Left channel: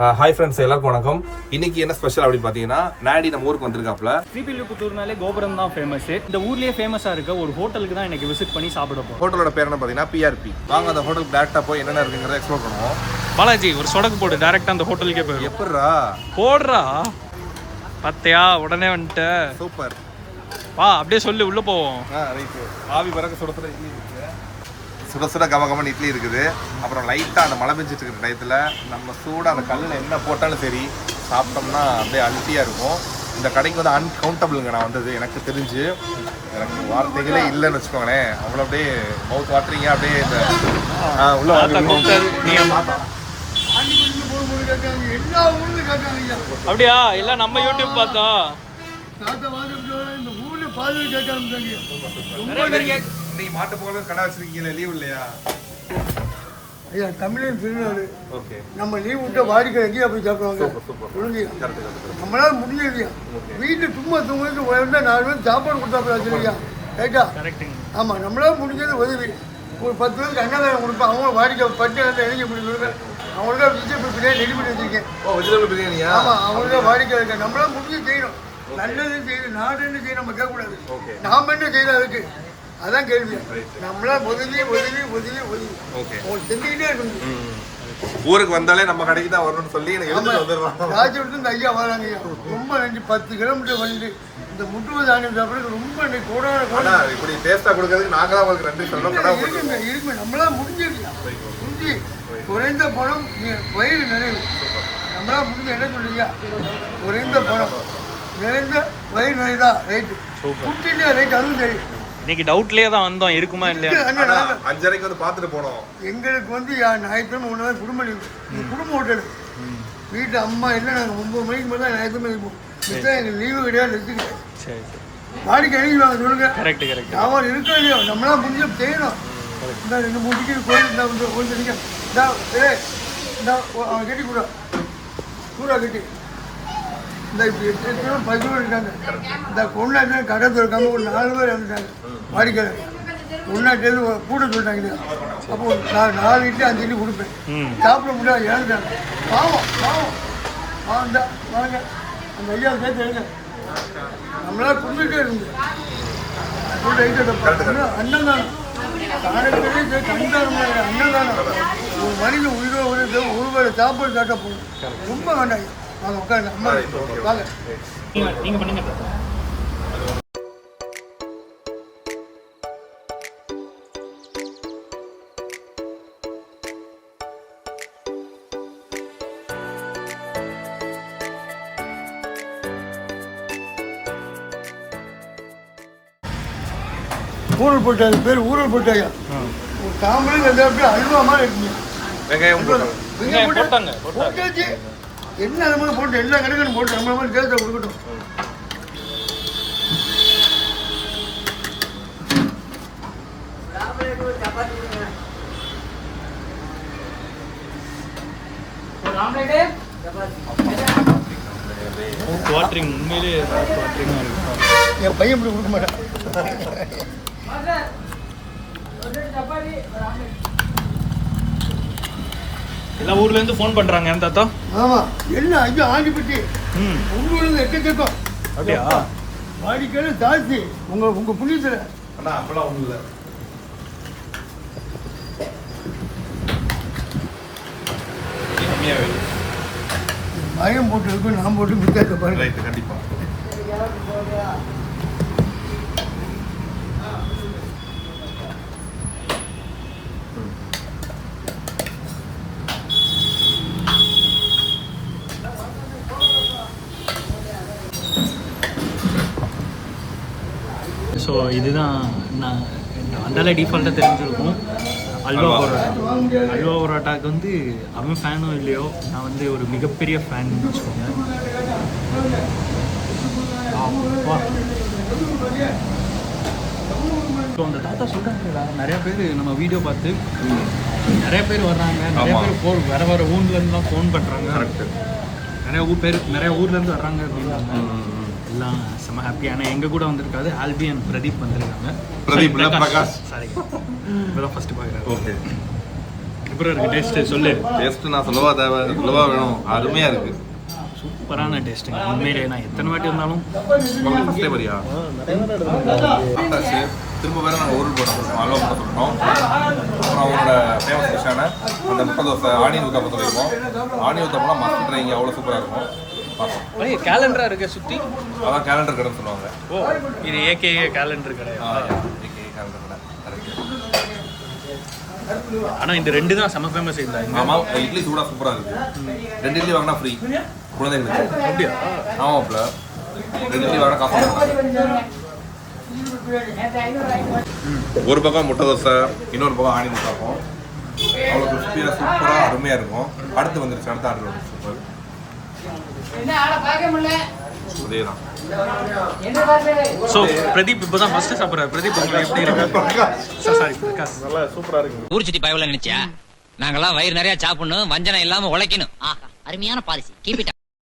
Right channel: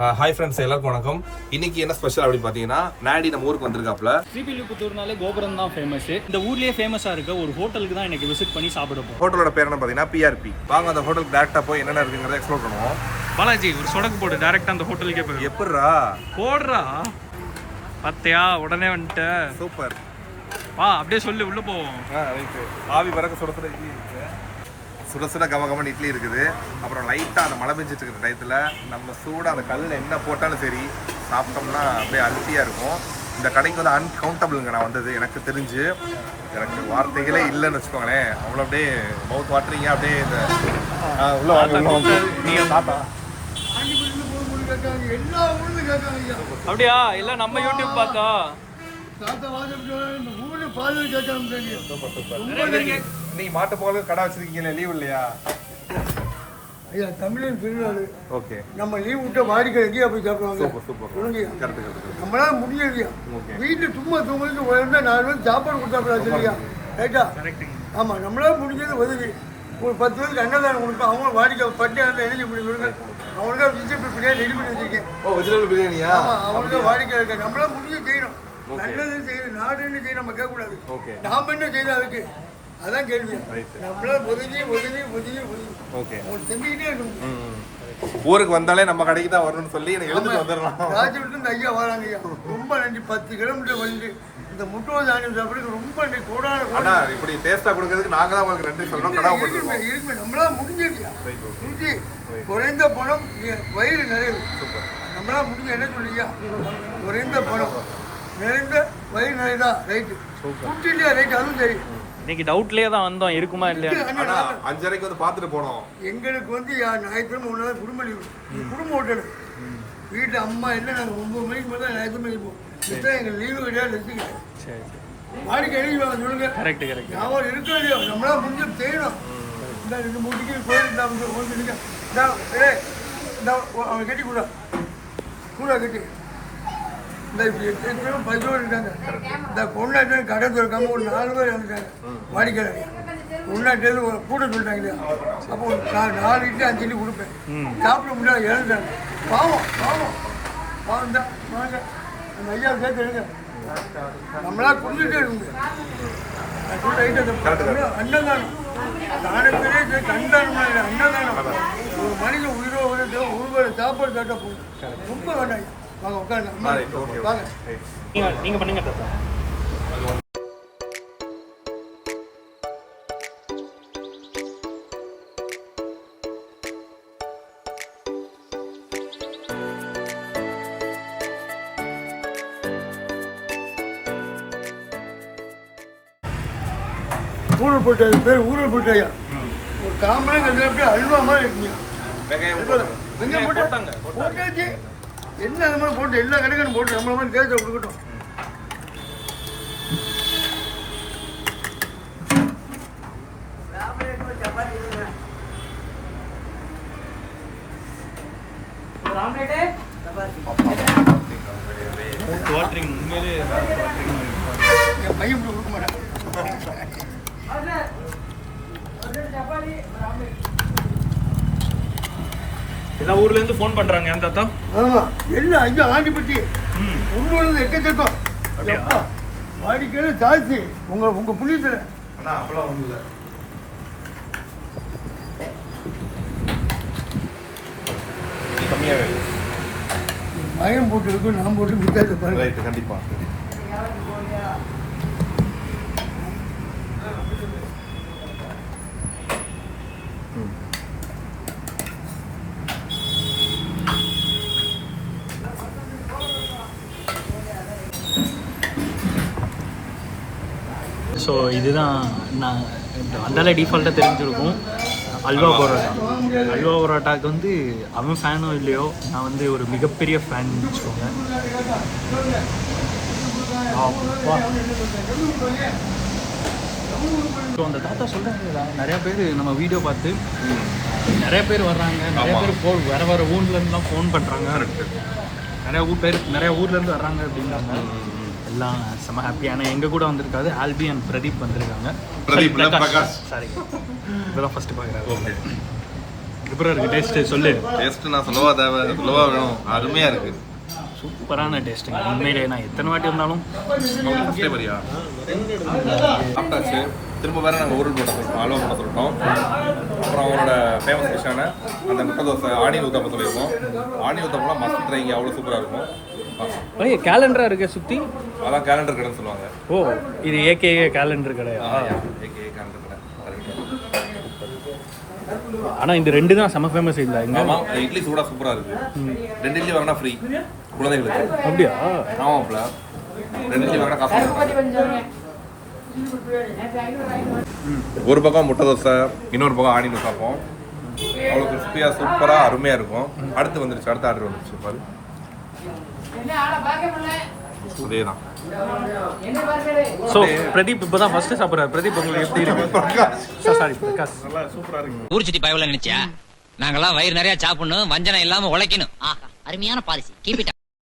Hi friends, எல்லாருக்கும் வணக்கம். இன்னைக்கு என்ன ஸ்பெஷல் அப்படின்னு பார்த்தீங்கன்னா, நாடி நம்ம ஊருக்கு வந்திருக்காப்ல. ஸ்ரீவில்லிபுத்தூர்னாலே கோபுரம் தான் ஃபேமஸ். இந்த ஊர்லேயே ஃபேமஸாக இருக்க ஒரு ஹோட்டலுக்கு தான் எனக்கு விசிட் பண்ணி சாப்பிட போகிறோம். ஹோட்டலோட பேர் என்ன பார்த்தீங்கன்னா PRP. வாங்க அந்த ஹோட்டலுக்கு டேரெக்டாக போய் என்னென்ன இருக்குங்கிறத எக்ஸ்ப்ளோர் பண்ணுவோம். பாலாஜி ஒரு சொடக்கு போடு, டேரெக்டாக அந்த ஹோட்டலுக்கே போயிடும். எப்பட்றா போடுறா பார்த்தியா, உடனே வந்துட்டு சூப்பர். வா அப்படியே சொல்லி உள்ளே போவோம். ரைட்டு. ஆவி பறக்க சுட சுட இட்லி இருக்குது, சுட சுட கமகமன் இட்லி இருக்குது. அப்புறம் லைட்டாக அந்த மழை பெஞ்சிட்டு இருக்கிற டயத்தில் நம்ம சூடாக அந்த கல்லில் என்ன போட்டாலும் சரி சாப்பிட்டோம்னா அப்படியே அல்ட்டியாக இருக்கும். இந்த கடைக்கு வந்து அன்கவுண்டபிளுங்க நான் வந்தது. எனக்கு தெரிஞ்சு எனக்கு வார்த்தைகளே இல்லைன்னு வச்சுக்கோங்களேன். அவ்வளோ அப்படியே மவுத் வாட்டரிங்க. அப்படியே இந்த உள்ள அப்படியா இல்லை நம்ம யூடியூப் பார்த்தோம். மாட்ட போல கடை வச்சிருக்கீங்க, லீவ் இல்லையா? ஐயா தமிழின் திருநாள். ஓகே, நம்ம லீவ் விட்டு வாடிக்கை எங்கேயா போய் சாப்பிடுவாங்க. நம்மளால முடியலையா, வீட்டில் சும்மா தூங்குறது வந்தால் 4 பேர் சாப்பாடு கொடுத்தா இல்லையா? ரைட்டா? ஆமாம், நம்மளால முடிஞ்சது உதவி. ஒரு 10 பேருக்கு அன்னதானம் கொடுப்பேன். அவங்க வாடிக்கை பட்டு அந்த எழுதி பண்ணி கொடுங்க. அவங்களுக்கா வெஜிடபிள் பிரியாணி ரெடி பண்ணி வச்சிருக்கேன். ஆமாம், அவங்களுக்கா வாடிக்கை இருக்க. நம்மளால முடிஞ்சு செய்யணும். நல்லது செய்யணும், நாடுன்னு செய்ய நம்ம கேட்கக்கூடாது. நாம் என்ன செய்யணும் அதுக்கு? அதான் கேள்வி. நம்மளா உதவி உங்களுக்கு செஞ்சுக்கிட்டே இருக்கணும். ஊருக்கு வந்தாலே நம்ம கடைக்கு தான் வரணும்னு சொல்லி ராஜ்யத்து இந்த ஐயா வராங்க ஐயா. ரொம்ப நன்றி. 10 கிலோமீட்டர் வந்து இந்த முட்டுவது தானியம் சாப்பிட்றது ரொம்ப நன்றி. கோடான இப்படி டேஸ்டா கொடுக்கறதுக்கு நாங்க தான் உங்களுக்கு நன்றி சொல்லணும். இருக்குமே நம்மளா முடிஞ்சிருக்கியா? முடிஞ்சு குறைந்த பணம் வயிறு நிறைவு. நம்மளா முடிஞ்சு என்ன சொல்லியா? குறைந்த பணம் நிறைந்த வயிறு நிறைதா? ரைட்டு. குட்டிலையா? ரைட். அதுவும் சரி. இன்னைக்கு டவுட்லேயே தான் வந்தோம், இருக்குமா இல்லையா? 5:30 வந்து பார்த்துட்டு போனோம். எங்களுக்கு வந்து ஞாயிற்றுக்கிழமை 1 நாள் குடும்ப லீவு. குடும்ப ஹோட்டலு வீட்டு அம்மா இல்லை. நாங்கள் 9 மணிக்கு மேலே ஞாயிற்றுக்கிழமை இருப்போம். எங்களுக்கு லீவு கிடையாது, ரெஸ்ட்டு கிடையாது. சரி சரி. வாடிக்கை எழுதிவாங்க சொல்லுங்க. கரெக்ட். அவன் இருக்கா இல்லையோ, நம்மளா முடிஞ்சு செய்யணும். இந்த 2 3 டிக்கெட் கோயில் இருந்தால் கொஞ்சம் நீங்கள் இந்த அவன் கட்டி கூட கட்டி இந்த இப்படி 8 பேரும் 10 பேர் இருக்காங்க. இந்த கொண்டாட்டி கடை திறக்காம ஒரு 4 பேர் வந்துட்டாங்க. வாடிக்கையாளர் கொண்டாட்டிலேருந்து கூட சொல்லிட்டாங்க இல்லையா? அப்போ ஒரு 4 இட்லி 5 இட்லி கொடுப்பேன். சாப்பிட முடியாது, இறந்துட்டாங்க. பாவம் தான் வாங்க அந்த ஐயா சேர்த்து எடுங்க. நம்மளா குடிச்சுட்டே இருந்து நான் சொல்லிட்டு ஐட்டத்தை அன்னதானம் தானத்திலே கண்டானம். அன்னதானம் ஒரு மனிதன் உயிரோ ஒரு வேளை சாப்பாடு சாப்பிட்டா போதும். ரொம்ப வேண்டாம் ஐயா. வாங்க உட்காருங்க. அம்மா வாங்க. நீங்க பண்ணுங்க. ஊரல் போட்டாரு பேர் ஊரல் போட்டாயா. ஒரு காமன் அப்படியே அல்வா மாதிரி இருக்கீங்க. போட்டாச்சு என்ன அது மாதிரி போட்டு எல்லா கணக்கும் போட்டு நம்ம மாதிரி தேர்தல் கொடுக்கட்டும். என் பையன் இப்படி கொடுக்க மாட்டேன். எல்லா ஊர்ல இருந்து ஃபோன் பண்றாங்க ஏன் தாத்தா? ஆமா, என்ன ஐயா ஆண்டிப்பட்டி உள்ளூர்ல எக்கச்சக்கம். வாடிக்கையாளர் ஜாஸ்தி உங்க புண்ணியத்துல. மயம் போட்டு இருக்கும், நான் போட்டு வித்தியாச பாருங்க. கண்டிப்பா. ஸோ இதுதான் நான் அந்தால டிஃபால்ட்டாக தெரிஞ்சிருக்கும். அல்வா பரோட்டாக்கு வந்து அவன் ஃபேனோ இல்லையோ, நான் வந்து ஒரு மிகப்பெரிய ஃபேன் வச்சுக்கோங்க. ஸோ அந்த தாத்தா சொல்கிறாங்க, நிறையா பேர் நம்ம வீடியோ பார்த்து நிறைய பேர் வர்றாங்க. நிறைய பேர் வேறு ஊர்லேருந்துலாம் ஃபோன் பண்ணுறாங்க. நிறைய ஊர்லேருந்து வர்றாங்க அப்படின்னாங்க. எல்லாம் செம்ம ஹாப்பியான. எங்கள் கூட வந்திருக்காது ஆல்பி அண்ட் பிரதீப் வந்திருக்காங்க. பிரகாஷ் சாரி, இப்போதான் ஃபஸ்ட்டு பார்க்குறாரு. எப்படி இருக்கு டேஸ்ட்டு சொல்லு. டேஸ்ட்டு நான் சொல்லவா வேணும், அருமையாக இருக்குது. சூப்பரான டேஸ்ட்டுங்க உண்மையிலே. நான் எத்தனை வாட்டி வந்தாலும் ஃபஸ்ட்டே வரியா சாப்பிட்டாச்சு. திரும்ப வேறு நாங்கள் ஊரில் போட்ட சொல்லிட்டோம், அல்வா போட்ட சொல்லிட்டோம். அப்புறம் அவங்களோட ஃபேமஸ் டிஷ்ஷான அந்த முட்டை தோசை ஆனியன் ஊத்தாப்பம் சொல்லியிருக்கோம். ஆனியன் ஊத்தாப்பம்லாம் மஸ்ட் ட்ரை, இங்கே அவ்வளோ சூப்பராக இருக்கும். பார்க்கலாம். கேலண்டரா இருக்கு சுற்றி. அதான் கேலண்டர் கடைன்னு சொல்லுவாங்க. ஓ, இது ஏகே கேலண்டர் கடை. ஏகே கேலண்டர் கடை கரெக்ட். ஆனால் இந்த 2 தான் செம ஃபேமஸ் இல்லை. ஆமாம், இட்லி சூடாக சூப்பராக இருக்குது. 2 இட்லி வாங்கினா ஃப்ரீ குழந்தைகளுக்கு. அப்படியா? ஆமாம்ல, 2 இட்லி வாங்கினா காசு பண்ணுறாங்க. ஒரு பக்கம் முட்டை தோசை, இன்னொரு பக்கம் ஆனியன் பார்ப்போம். அவ்வளோ கிறிஸ்பியாக சூப்பராக அருமையாக இருக்கும். அடுத்து வந்துருச்சு, அடுத்த ஆர்டர் வந்துருச்சு. ஸோ பிரதீப் இப்போ தான் ஃபர்ஸ்ட் சாப்பிட்றாரு. பிரதீப் உங்களுக்கு எப்படி இருக்கு? சாரி பிரகாஷ். நல்லா சூப்பராக இருக்கு. ஊர் சுத்தி பயவுல நினைச்சா நாங்கெல்லாம் வயிறு நிறைய சாப்பிடணும், வஞ்சனம் இல்லாம உழைக்கணும். ஆஹா, அருமையான பாலிசி. Keep it